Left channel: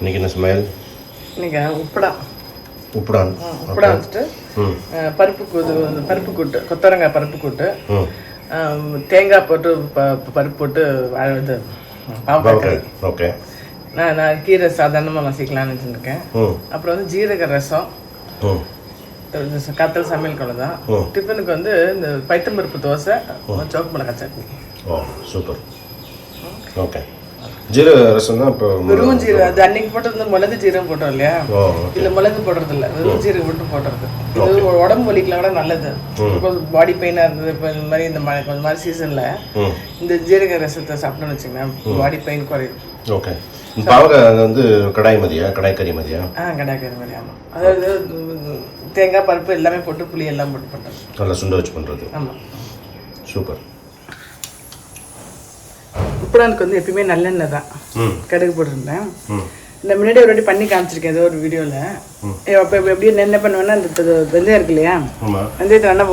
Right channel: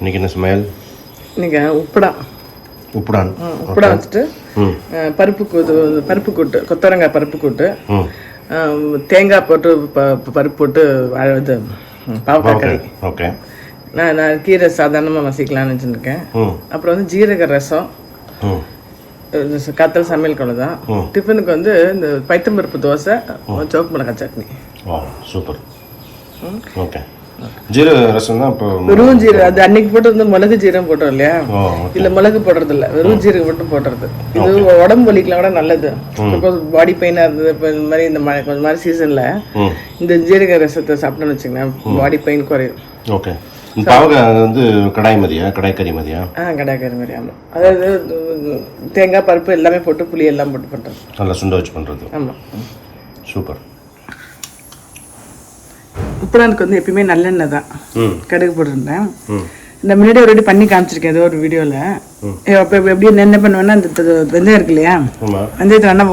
இன்னைக்கு என்ன சமையல்? இன்னைக்கு உப்புடான் உப்புடான் வச்சுட்டு பருப்பு கூட்டு கொத்தவரங்காய் பருப்பு கூட்டு தேங்காய் போட்டு பருப்பு போட்டு இது பாவக்காய். ஓகே. நான் கீரை சாதாரணமாக மசிக்கலாம்னு வச்சுருக்கேன். அப்புறம் வந்து ஜீரக ரசம், கத்தல் சமையல் குழம்பு தான். டிஃபனுக்கு வந்து இந்த பைத்தம்பருப்பு தோசை, சோப்பு மிளகாய் சட்னி. சூப்பர். ஓகே. ஜீரக ரசம் தான் இப்போ வெறும் ஜீரகம். அது அன்னைக்கு போட்டு வந்து மிளகு ஜீரகம் போட்டோம் இல்லையா, இல்லை மிளகு போடுறது இல்லை, வெறும் ஜீரகம் மட்டும் போடுறது. இது உடம்பு வலிக்கலாம் கூட நல்லது. பாடி பெயினாக இருந்தது இப்போ இந்த மாதிரி இந்த கொஞ்சம் மாதிரி சீசனில் இந்த ஜீரக ரசத்தை சாப்பிட்டோன்னு வச்சுக்கோங்க, பாடி பெயின் குறையும். ஓகே. பாவக்காய் வந்து கடாய்கறி மாதிரியா? கடாய்கறி மாதிரி. ஆமாம், அதாவது தேங்காய் பருப்பு எல்லாமே போட்டு புளி எல்லாம் போட்டு பண்ணுறது, நல்லா சுண்ட வச்சு பண்ணுறது. ஆமாம், சூப்பர். உப்புடானுக்கு வந்து எப்பயுமே நல்லெண்ணெய் தான், கடுகு போட்டுருந்தேன். இந்த முன்னாடி ஒரு பண்ணி காமிச்சிருக்கேன் ஏதோ ஒரு வீடியோவில். இப்போ எப்படி என்ன பண்ணுவேன்னா, இந்த வெந்தயம் இருக்கு இல்லையா, வெந்தயத்தை நல்லா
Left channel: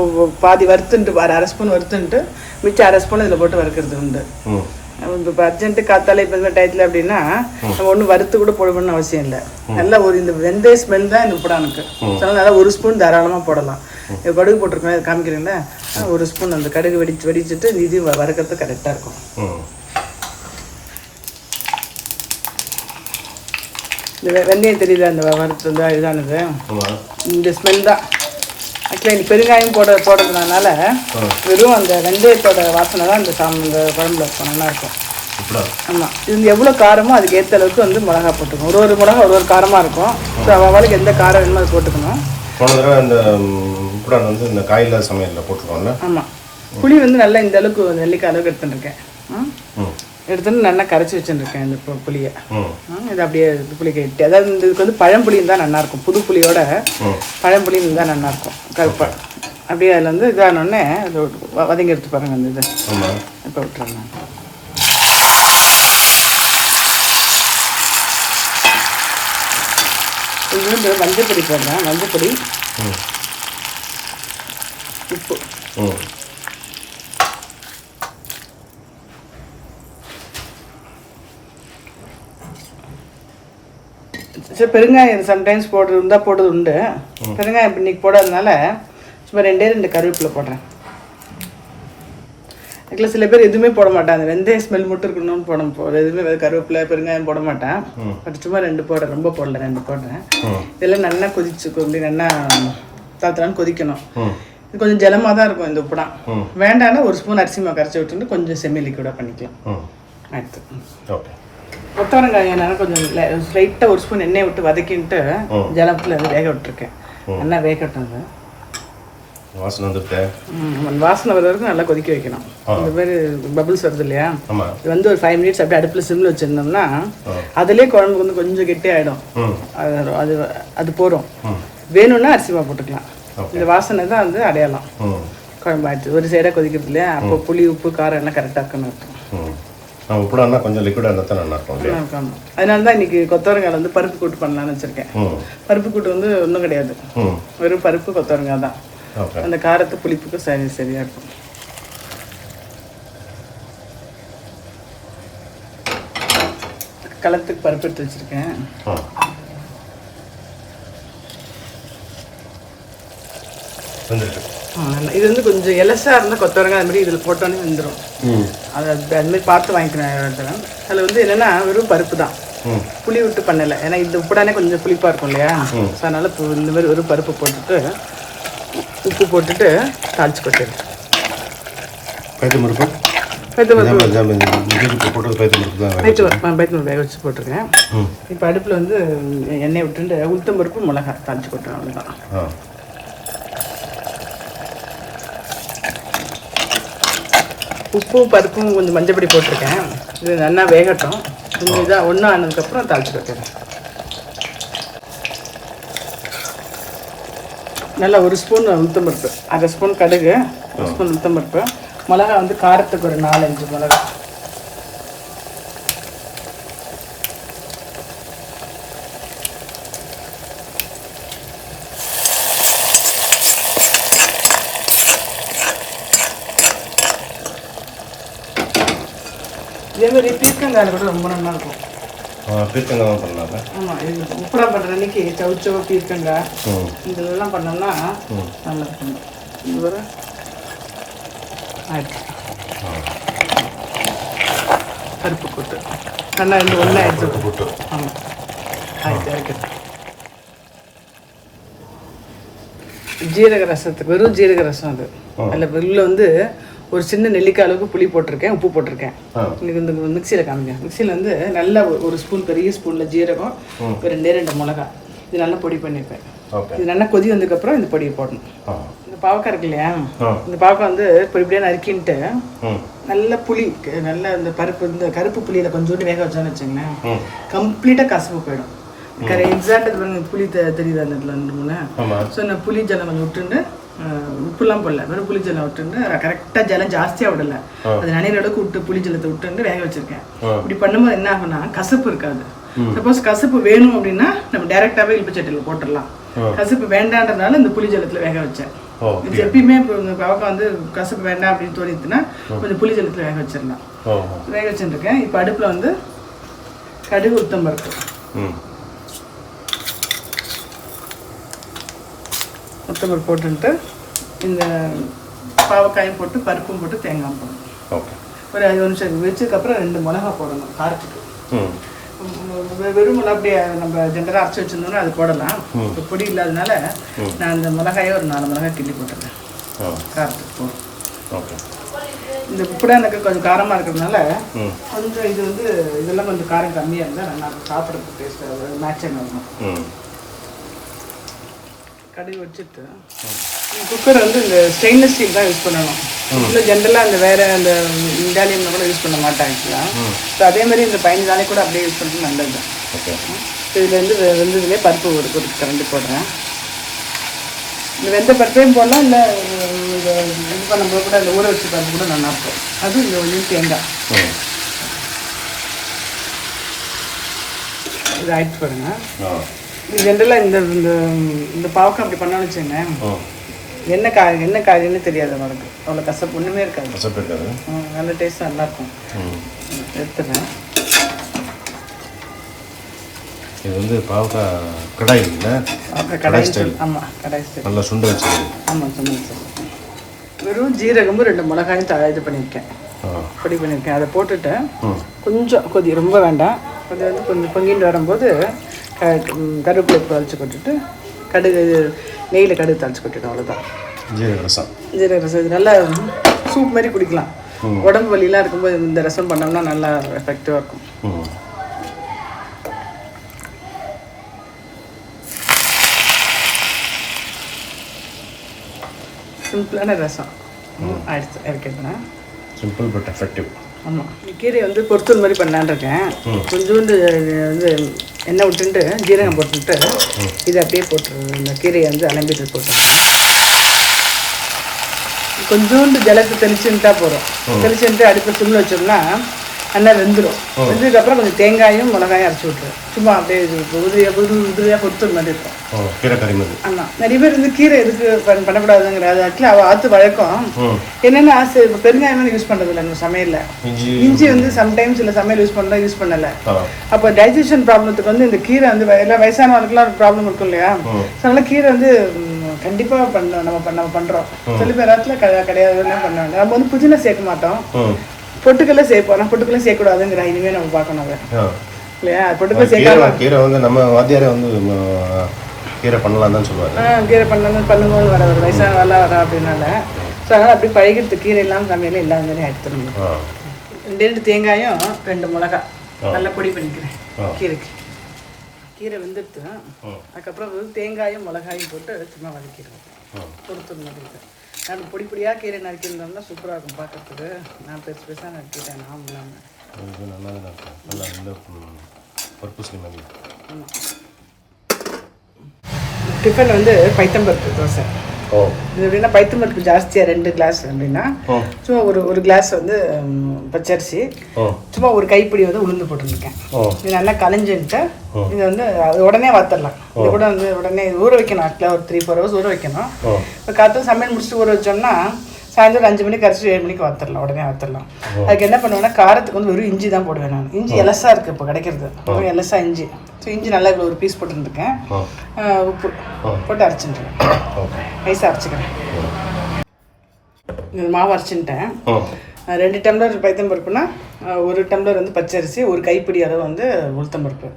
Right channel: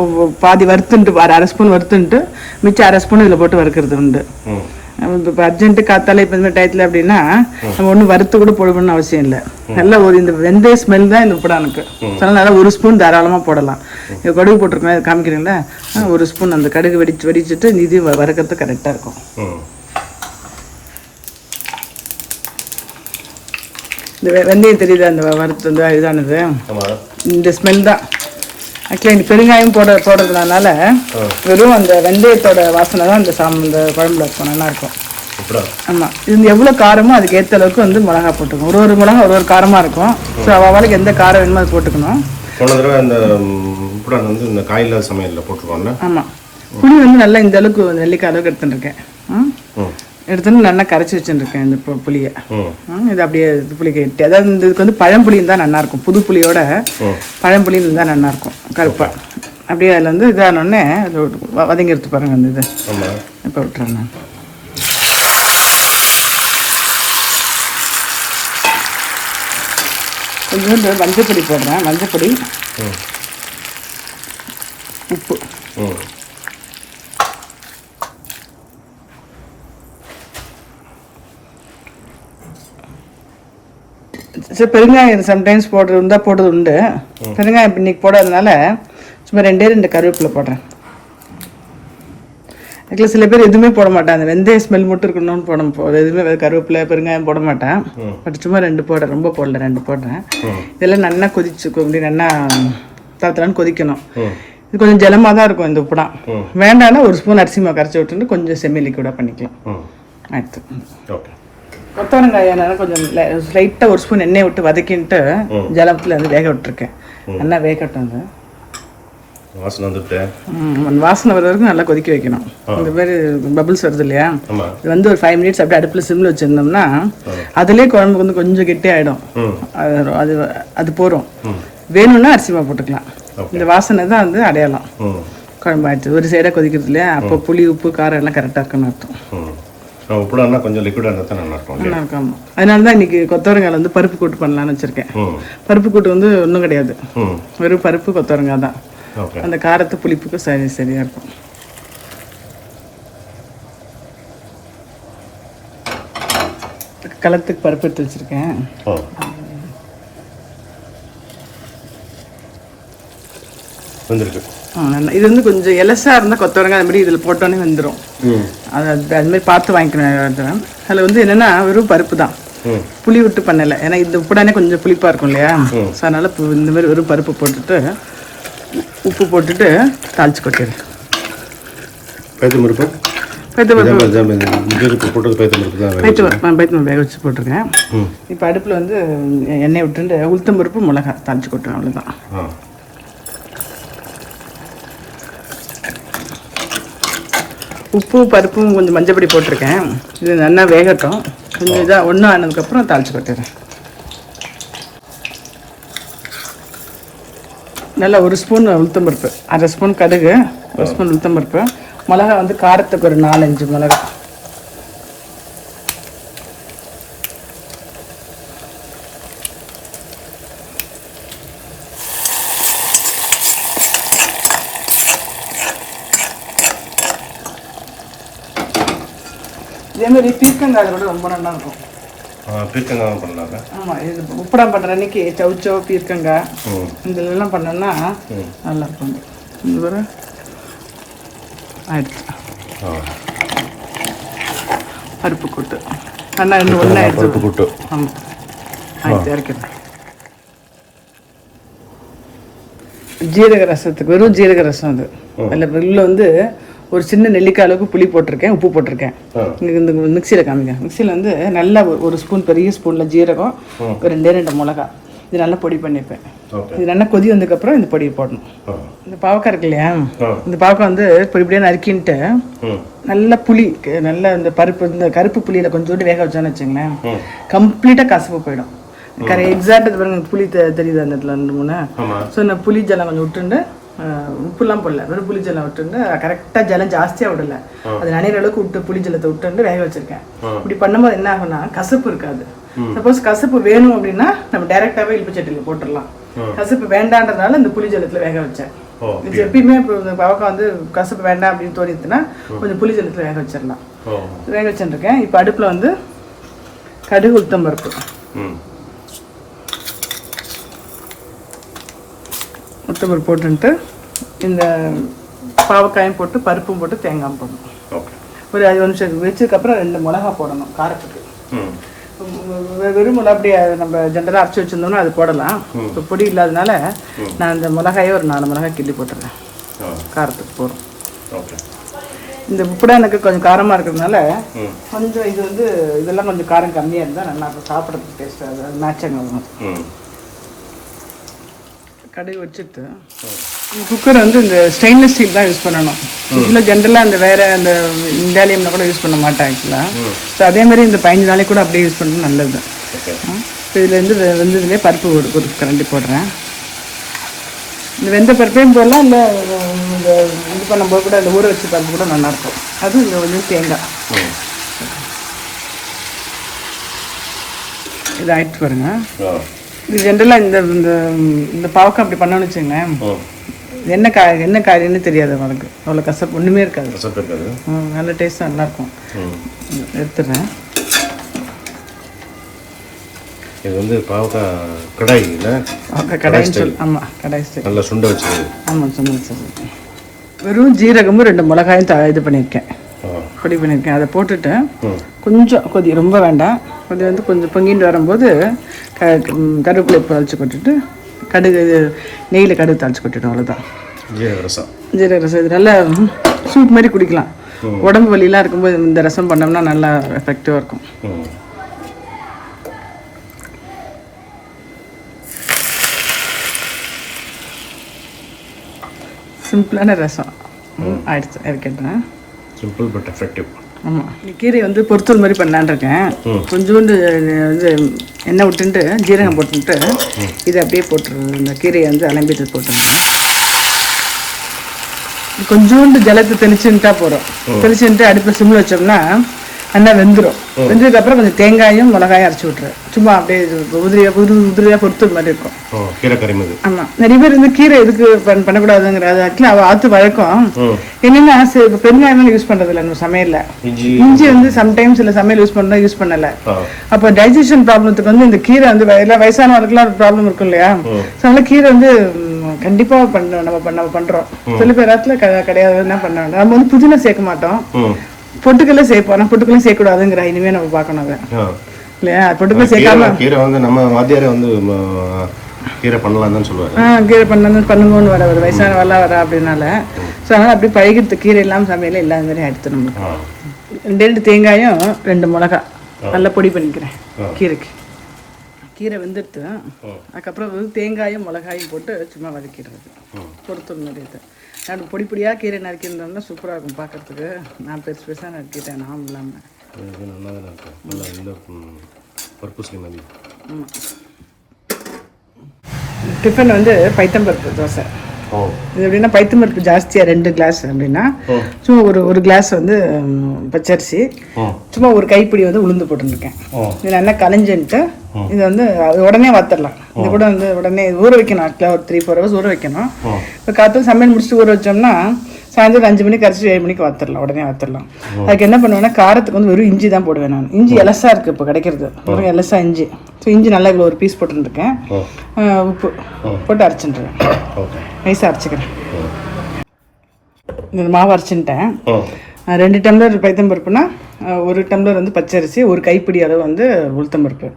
பாதி வறுத்துன்ட்டு, அரை ஸ்பூன் வறுத்துன்ட்டு மிச்சம் அரை ஸ்பூன் இதில் போட்டு வறுக்கிறது உண்டு. இப்போ அர்ஜென்ட்டு காத்தால இப்போ இந்த டயத்தில் அப்படின்னா நம்ம ஒன்றும் வறுத்து கூட போடணும்னு அவசியம் இல்லை. நல்லா ஒரு இந்த வெந்தய ஸ்மெல் தான் இந்த உப்புடானுக்கு. அதனால ஒரு ஸ்பூன் தாராளமாக போடலாம். இப்போ கடுகு போட்டிருக்கோம், காமிக்கிறீங்களா, ஒரு ஸ்பூன் அந்த கடுகு வெடிச்சுட்டு இது வறுக்கிறது கரெக்டாக இருக்கும். இந்த வெந்தயம் தெரியுது, அந்த வறுத்து வந்து இதானது இந்த ஸ்மெல் தான். ஆக்சுவலாக இந்த பெருங்காயம் போடுறதுனால வெறும் அந்த வெந்தயத்தோட வாசனை தான் இந்த குழம்புல இருக்கும், நல்லா இருக்கும். ஆமாம், இது எவ்வளோ காரமோ அதுக்கு ஏற்ற அளவுக்கு வந்து மிளகா போட்டுக்கணும். ஒரு மிளகா ஒரு காரமாக இருக்கும். ஸோ அவளுக்கு எந்த காரம் வேணுமோ அது போட்டுக்கணும். போன தடவை இந்த உப்புடான் வந்து இந்த காயில்லாத சமையலில் போட்டுருக்கோம்ல. ஆமாம், புளி வந்து நல்லா இந்த அளவுக்கு நெல்லிக்காய் அளவுக்கு எடுத்துட்டுருக்கேன். எடுத்துன்னு நல்லா கரைச்சி வச்சுருக்கேன் இந்த புளியை. இது அப்படியே புளி கட்டி, அதாவது இதுக்கு வந்து பழம்புளியும் தான் நல்லாயிருக்கும். புது புளியோட பழம்புளியும் தான் நல்லாயிருக்கும். கருப்பாக அப்படியே அதில் வந்து இதானோடனே வதங்கி எடுத்து பாருங்க. அந்த இது இப்போ விட்டுருங்க. கொஞ்சம் மஞ்சள் பொடி போடுறேன். மஞ்சள் பொடி, உப்பு, சரி பெருங்காயம் சம்டைம்ஸ் போடுறது உண்டு. பெருங்காயம் இப்போ இன்னைக்கு போடுறதுனால சும்மா 2 கருவேப்பிலை போடுறேன். அதுக்குள்ள சில பேர் எதுவுமே போட மாட்டேன், அந்த வெந்தய ஸ்மெல் மட்டும் இருக்கணும்னு எதுவுமே கருவேப்பிலை பெருங்காயம் போட மாட்டேன். பட் சும்மா 2 போடுறேன், ரொம்ப போடல, 2 போடுறேன். இதெல்லாம் நல்லா அப்படி நல்லா தாத்தலான்னு கொதிக்கணும். இது கொஞ்சம் ஜலமாக தான் இருக்கும் இந்த உப்புடான். வேண்டாம்னா ஒரு ஸ்பூன் அரிசி மாவு கரைச்சி விட்டுட்டு கொஞ்சம் செம்மி லிக்விடாக பண்ணிக்கலாம். அடுத்து கொத்தவரங்காய் கொஞ்சம் லைட்டாக ஒரு ஸ்பூன் எண்ணெய் விட்டு வதக்கின்ட்டு ஜலத்தில் வந்து வேக விட்டுருக்கேன். நல்லா வேகட்டும். வாசனை வந்துட்டேன். வாசனை வர வரைக்கும் நல்லா கொதிக்க வைக்கணும். இந்த மாதிரி பபிள்ஸ் வருது இல்லையா, இது வந்து ஒரு 5 மினிட்ஸ் அப்படியே அடுப்பில் சிம்மில் வச்சுருந்தோம்னா அதுலேயே குழம்பு வந்து கொஞ்சம் கெட்டி ஆகிடும். அது போகிறோம். வேணும்னா அரிசி மாவு போட்டுக்கலாம். இந்த வாசனை தான் வந்து அடையாளம் குழம்பு ஆயிடுச்சு. ஒரு சைடாக கொதிக்கிறது இல்லையா, அப்போ புளி உப்பு காரம் எல்லாம் கரெக்டாக இருக்குன்னு அர்த்தம். உப்புடானா கொஞ்சம் லிக்விடாக தான் நல்லா இருக்கும். அதனால தான் இன்னைக்கு கொத்தவரங்காய் வந்து பருப்பு கூட்டு பண்ணலான்னு வச்சிருக்கேன். பருப்பு கூட்டு வந்து ஒன்றும் கிடையாது, வெறும் பருப்பு கொத்தவரங்காய் தான். அந்த காரத்து புளிப்புக்கு சரியா இருக்கும். களத்துக்கு பருப்பு எடுத்து வச்சிருக்கேன். இது வந்து கொஞ்சம் எலசா இருந்தால் கொத்தவரங்காய் அது மாதிரி இதில் போட்டோன்னே வந்துடும். அது மாதிரி பார்த்து வாங்கிக்கணும். அதில் வந்து என்னென்னா வெறும் பருப்பு தான், புளி விட்டு பண்ணலை. ஏன்னா இது உப்புடானே கொஞ்சம் புளிப்பாக இருக்கும் இல்லையா, ஸோ அதனால் இந்த மாதிரி வெறும் பருப்பு போட்டுட்டு உப்பு போட்டுட்டு தாளிச்சு போட்டுரு. பைத்தம்பருப்பு வேக வச்சு போட்டிருக்கேன். இப்போ அடுப்பில் வந்து எண்ணெய் விட்டுட்டு உளுத்தம்பருப்பு மிளகாய் தாளிச்சு போட்டுருக்கேன். அவ்வளோதான். உப்பு பருப்பும் கொஞ்சம் மஞ்சப்பொடி போட்டிருக்கேன். இது நல்லா வேகட்டும். இதாக ஒன்றும் ஆனதுக்கப்புறம் தாளிச்சு போட்டுறேன். நல்லா ஒரு ஸ்பூன் உளுத்தம்பருப்பு, அரை ஸ்பூன் கடுகு, ஒரு ஸ்பூன் உளுத்தம்பருப்பு, மிளகா வந்து காரத்துக்கு ஒரு 4-5 மிளகா, அதே மாதிரி பீர்க்கங்காய் கூட ரொம்ப நல்லா இருக்கும். பீர்க்கங்காய் பண்ணலாம்ல. ஆமாம், இது உப்படம் பண்ணுற அன்னைக்கு சவுச்சோ பீர்க்கங்காய் இதெல்லாம் பண்ணோம்னா நல்லா இருக்கும். இது ஒரு பருப்பு கூட்டு ஆனால் பருப்பு கூட்டு ஜீரக ரசத்துக்கு வெறும் ஜீரக ரசம் அது. அதில் உள்ள வந்து ஒரு சின்ன நெல்லிக்காய் அளவுக்கு புளி போட்டிருக்கேன், உப்பு போட்டிருக்கேன். இந்த மிக்சியில் காமிங்க. மிக்சியில் வந்து நல்லா ஒரு ஸ்பூன், பெரிய ஸ்பூனில் ஜீரகம், ரெண்டு மிளகா, இது நல்லா பொடி பண்ணிப்பேன். இது நல்லா கொதி வந்ததுக்கப்புறம் இந்த பொடியை போடணும். இந்த பாவக்காய் இருக்கு இல்லையா, இந்த பாவக்காய் வந்து இப்படியே நறுக்கின்ட்டு நல்லா புளி, நல்லா இந்த பருப்பு, இந்த கருப்பு புளியில் கொஞ்சோண்டு வேக வச்சான்னு வச்சுங்களேன், கம்ப்ளீட்டாக கசப்பு போயிடும். எக்ஸாக்ட் புளி தெரியுது அந்த இடத்துல 2-3. ஸோ இந்த புளி ஜலம் கொஞ்சம் விட்டுண்டு, உப்புலாம் போடல, வெறும் புளி ஜலம் விட்டுண்டு கரெக்டாக ஜலம் ஜாஸ்தியாக விடல, அது நனைகிற அளவுக்கு விட்டு புளி ஜலத்தை விட்டுண்டு வேக வச்சிருக்கேன். இப்படி பண்ணும்போது என்ன ஆகும்னா கசப்பு இருக்காது. சப்போஸ் கசப்பு வேணும் அப்படின்னா நம்ம டைரெக்டாகவே இழுப்பு சட்டியில் போட்டுடலாம். கசப்பு வேண்டான்றதுனால இந்த புளி ஜலத்தில் வேக வச்சேன். இது எப்பயுமே இப்போ இந்த பாவக்காய் வந்து கசப்பு வேண்டாம் அப்படின்னு தோணிச்சுன்னா கொஞ்சம் புளி ஜலத்தில் வேக வச்சிடலாம். வேக வச்சுருக்கேன். இப்போ அடுப்பில் வந்து கடுகு, உளுத்தம் பருப்பு, உளுத்தம்பருப்பு போட்டுன்ட்டு இந்த பாவக்காயும் போட்டு பருப்பும் போட்டு தேங்காய் போடணும். ஒரு 5 நிமிஷம் வச்சதுக்கப்புறம் 2 மிளகா போடணும் காரத்துக்கு. வெறும் மிளகா அப்படியே நம்ம ஜென்ரலாக அரைச்சி வச்சுருந்தோம்னா அது போடலாம். இப்போ பொடி இல்லாதனால நான் இந்த மிளகாயே ஒரு 4 மிளகாய் கிள்ளி போட்டுருவேன், காரத்துக்கு போடுறோம். இந்த புடா எனக்கு கொஞ்சம் காரமாக இருக்கிறதுனால கொஞ்சம் இது வந்து இதெல்லாம் கொஞ்சம் காரம் கம்மியாக இருந்தால் நல்லா சாப்பிட்றதுக்கு டேஸ்ட் மேட்சாக இருக்கும். கடுகு வச்சுட்டு குக்கரை வந்து இந்த ஸ்டெயின்லெஸ் ஸ்டீல் தான் யூஸ் பண்ணணும். இன்னும் ஜென்ரலாக அந்த வேறு அந்த இண்டாலியமில் கூட யூஸ் பண்ண மாட்டேன் ஆக்சுவலாக. ஸோ அதே மாதிரி இந்த 15 நாளைக்கு கூட அப்படியே யூஸ் பண்ணணும், நல்லது. இதுலேருந்து வந்து பருப்பு ஒரு கரண்டி போடுறேன். இந்த வெந்த பருப்பையும் போடலாம், இல்லை இந்த இது பண்ணும்போது கூட அந்த ஊற வச்சு பருப்பு கூட நல்லாயிருக்கும். அது வந்து தேங்காய் இது ஆயிடுச்சு பாருங்க. இது ஜென்ரலாக இந்த பாவக்காய் அப்படி பண்ணணும்னு வச்சுங்களேன், என்ன காரியம்னு தெரியாது அவனுக்கு. அவ்வளோ கசப்பு ஒன்றுமே இருக்காது. நல்ல டேஸ்ட்டாக நல்லாயிருக்கும். எடுத்துடுறேன். இது வந்து பாவக்காய் கடாய் இல்லை, கடாய் ஸ்டைல். ஆமாம், கடாய் ஸ்டைல். நல்லா சுண்டை வச்சு. ஆமாம், சுண்டை வச்சு. வெறும் ஜீரகமும் 2 மிளகாயும் இது பண்ணியிருக்கேன், பொடி பண்ணியிருக்கேன். அதை போட்டுட்டு கொஞ்சம் கொதி, ரொம்ப வேண்டாம், அது வந்து கொஞ்சம் பொங்கிட்டு வரும்போது கருவேப்பிலை வச்சு கொட்டுட்டு கடுகு, நெய்யில் கடுகு தாளிச்சு கொட்டுட்டு, அவ்வளோதான். ஜீரக ரசம். ஜீரக ரசம் இது நல்லா சூப் மாதிரி குடிக்கலாம். உடம்பு வலிலாம் இருக்கும்போது இந்த ரசம் பண்ணோம்னா நல்லா எஃபெக்டிவாக இருக்கும். சிம்பிளான ரசம் ஆயிடுச்சு. இருக்கேன் சிம்பிள் பட் எஃபெக்டிவ். கீரை வந்து பொறுத்தல் மாதிரி பண்ணலான் இருக்கேன். கொஞ்சோண்டு இது எண்ணெய் விட்டுட்டு ஜீரகம் போட்டுட்டு இதை அப்படியே போட்டுருவேன். இந்த கீரையை வந்து அலம்பிட்டு போட்டுருவேன். கொஞ்சோண்டு ஜலத்தை தெளிச்சுட்டா போதும். தெளிச்சுட்டு அடுப்பு சிம்மில் வச்சோம்னா நல்லா வெந்துடும். வெந்ததுக்கப்புறம் கொஞ்சம் தேங்காயும் மிளகாயும் அரைச்சி விட்டுருவேன். சும்மா அப்படியே உதிரியாக பொறுத்தல் மாதிரி இருக்கும். கீரை கறிமது. ஆமாம், நிறைய பேர் வந்து கீரை எதுக்கு பண்ணக்கூடாதுங்கிறது ஆக்சுவலி அவள் ஆற்று வழக்கம். என்னென்னா பெருங்காயமாக யூஸ் பண்ணுறதில்ல இந்த சமையலில். இஞ்சி வந்து சம்டைம்ஸ் சில சமையல் யூஸ் பண்ணலை. அப்போ டைஜஷன் ப்ராப்ளத்துக்கு வந்து இந்த கீரை வந்து எல்லாம் வயசானவர்களுக்குலாம் ப்ராப்ளம் இருக்கும் இல்லையா, ஸோ அதனால கீரை வந்து கண்டிப்பாக நம்ம பண்ணுறோம். சில பேர் நேரத்தில் கிடையாது, என்ன பண்ணாங்க, நம்ம வந்து புதினா சேர்க்க மாட்டோம், பொட்டுக்கல்ல சேர்ப்போம். பொட்டுக்கல்ல சேர்க்கக்கூடாதுங்கிற இனிமே நம்ம பார்க்கணும் இல்லையா. பொட்டுக்கல்ல சேர்க்காம கீரை வந்து நம்ம வாத்தியாரே வந்து கீரை பண்ணலாம் தான் சொல்லுவாரு. கீரை பண்ணுங்கன்னு வர ஒரு வயசானவெல்லாம் வர அப்படின்னால, ஸோ அதனால் அப்படி பழகிறது கீரை இல்லாமல் சமையல இல்லாத மாதிரி எடுத்துடணும். 2 தேங்காயும் 2 மிளகா நல்லா பொடி பண்ணிக்கிறேன் கீரைக்கு. கீரை வெந்துடுத்து அதுக்கப்புறம் வந்து தேங்காயும் மிளகாயும் போட்டு சும்மா வதக்கிடுவோம். பொறுத்தல் மாதிரி இது நம்ம பொடி பொடியாக கீரை நறுக்கியிருந்தோம்னா சூப்பராக இருக்கும் பார்க்கறதுக்கு. நான் பெருசாக நறுக்கிட்டேன். நான் இல்லாமல் நல்லா தான் இருக்கும். நல்லா இந்த பர்பஸ்லி மாதிரி. டிஃபன் வந்து பைத்தம்பருப்பு தோசை. இது எப்படின்னா பைத்தம்பருப்பு ஜாஸ்தியாக 2 கிளாஸ் அப்படின்னா சும்மா ஒரு கிளாஸ் வந்து பச்சரிசி, சும்மா ஒரு கைப்பிடி வந்து உளுந்து போட்டுருக்கேன். இது நல்லா கலைஞ்சுட்டு இதை வந்து அது உடனே வத்தரலாம். இது கூட வந்து உடனே ஊற வைக்கணும். ஆக்சுவலாக ஒரு 3-4 ஹவர்ஸ் ஊற வைக்கணும். இப்போ காற்று சமையல் முடிச்சுட்டு ஊற வச்சோம்னா சாயந்தரம் 5 மணிக்கு அரைச்சி 7 மணிக்கு வத்துடலாம், உடனே வத்துடலாம். அதுக்கு என்ன பண்ணுவேன்னா காரத்துக்கு வந்து வெறும் இஞ்சி தான் போடுவேன் நான். இஞ்சி எலசா இருக்குது இப்போ கிடைக்கிறது, வெறும் எலசா இஞ்சி. ஸோ இஞ்சி நல்லா இவ்வளோ ஒரு பீஸ் போட்டுருக்கேன். உப்பு போட்டு அரைச்சிட்டுருவேன், நைஸாக அரைச்சிக்கிறேன். இந்த மாவு அரைச்சின்ட்டேன். 2 டம்ளர் பைத்தம்பருப்புனா 1 டம்ளர் வந்து பச்சரிசி, ஒரு கைப்பிடி அளவு வந்து உளுத்தம்பருப்பு,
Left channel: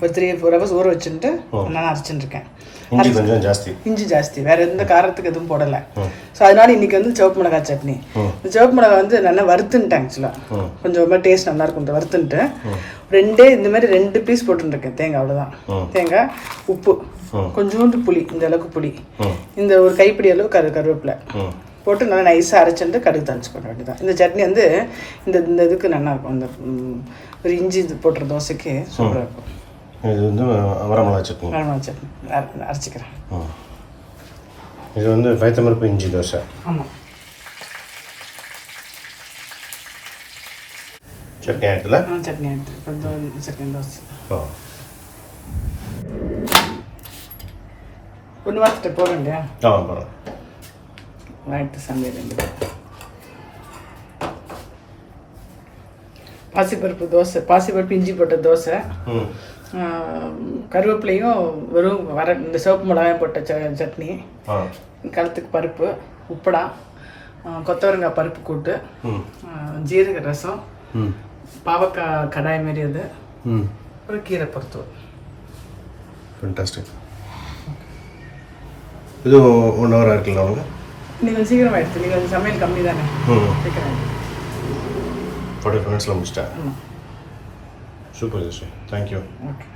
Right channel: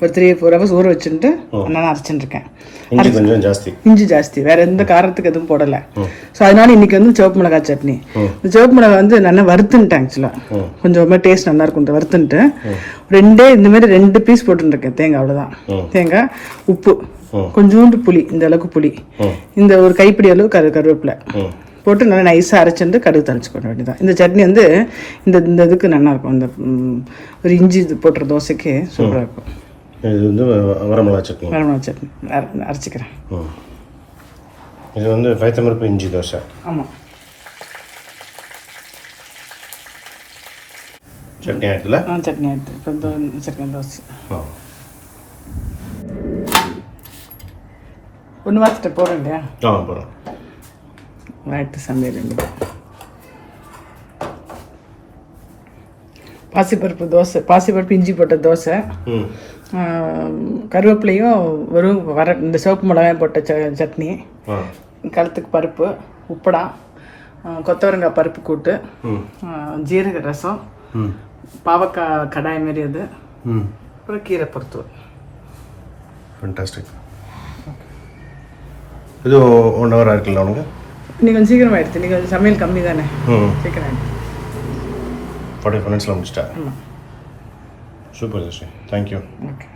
ஒரு 3-4 ஹவர்ஸ் ஊற வச்சுட்டு நான் அரைச்சிட்டுருக்கேன். இஞ்சி கொஞ்சம் ஜாஸ்தி, இஞ்சி ஜாஸ்தி, வேற எந்த காரத்துக்கு எதுவும் போடலை. ஸோ அதனால இன்னைக்கு வந்து சிவப்பு மிளகாய் சட்னி. இந்த சிவப்பு மிளகாய் வந்து நல்லா வறுத்துன்ட்டேன். ஆக்சுவலாக கொஞ்சம் டேஸ்ட் நல்லா இருக்கும். வறுத்துன்ட்டு இந்த மாதிரி 2 பீஸ் போட்டுருக்கேன் தேங்காய், அவ்வளோதான். தேங்காய், உப்பு, கொஞ்சோண்டு புளி, இந்த அளவுக்கு புளி, இந்த ஒரு கைப்பிடி அளவு கருவேப்பிலை போட்டு நல்லா நைஸாக அரைச்சிட்டு கடுகு தாளிச்சு போட வேண்டியதான். இந்த சட்னி வந்து இந்த இதுக்கு நல்லா இருக்கும். இந்த ஒரு இஞ்சி இது போட்டுற தோசைக்கு சூப்பராக இருக்கும். இது வந்து வரமிளகா சட்னி. வரமிளகா சட்னி அரைச்சிக்கிறேன். இது வந்து பைத்தம்பருப்பு இஞ்சி தோசை. ஆமாம், சட்னி ஆகிட்டுல. சட்னி ஆகிட்டு இப்போ சட்னி தோசை ஒன்று மாற்றிட்டு போகிறேங்க. போகிறோம். நைட்டு சமையல் பாசிப்பருப்பு தோசை, பாசிப்பருப்பு இஞ்சி போட்ட தோசை, கருவேப்பிலையும் இந்த சிவப்பு மிளகாய் போட்ட சட்னி, கலத்துக்கு பருப்பு, உப்படா, கொத்தவரங்காய் பருப்பு கூட்டு, ஜீரக ரசம், பாவக்காய் கடாய் மாரி அது, அப்புறம் கீரை பருத்து. ஃபண்டாஸ்டிக். இது 1 ஹவர் இருக்குல்ல உனக்கு? நீங்கள் கொஞ்சம் சீக்கிரம் ஆகிடுச்சு. நீங்கள் சமையல் கம்மி தானே, சீக்கிரம் 45 மினிட்ஸில் முடிச்சிட்டேன். Super zesty, thank you. ஓகே.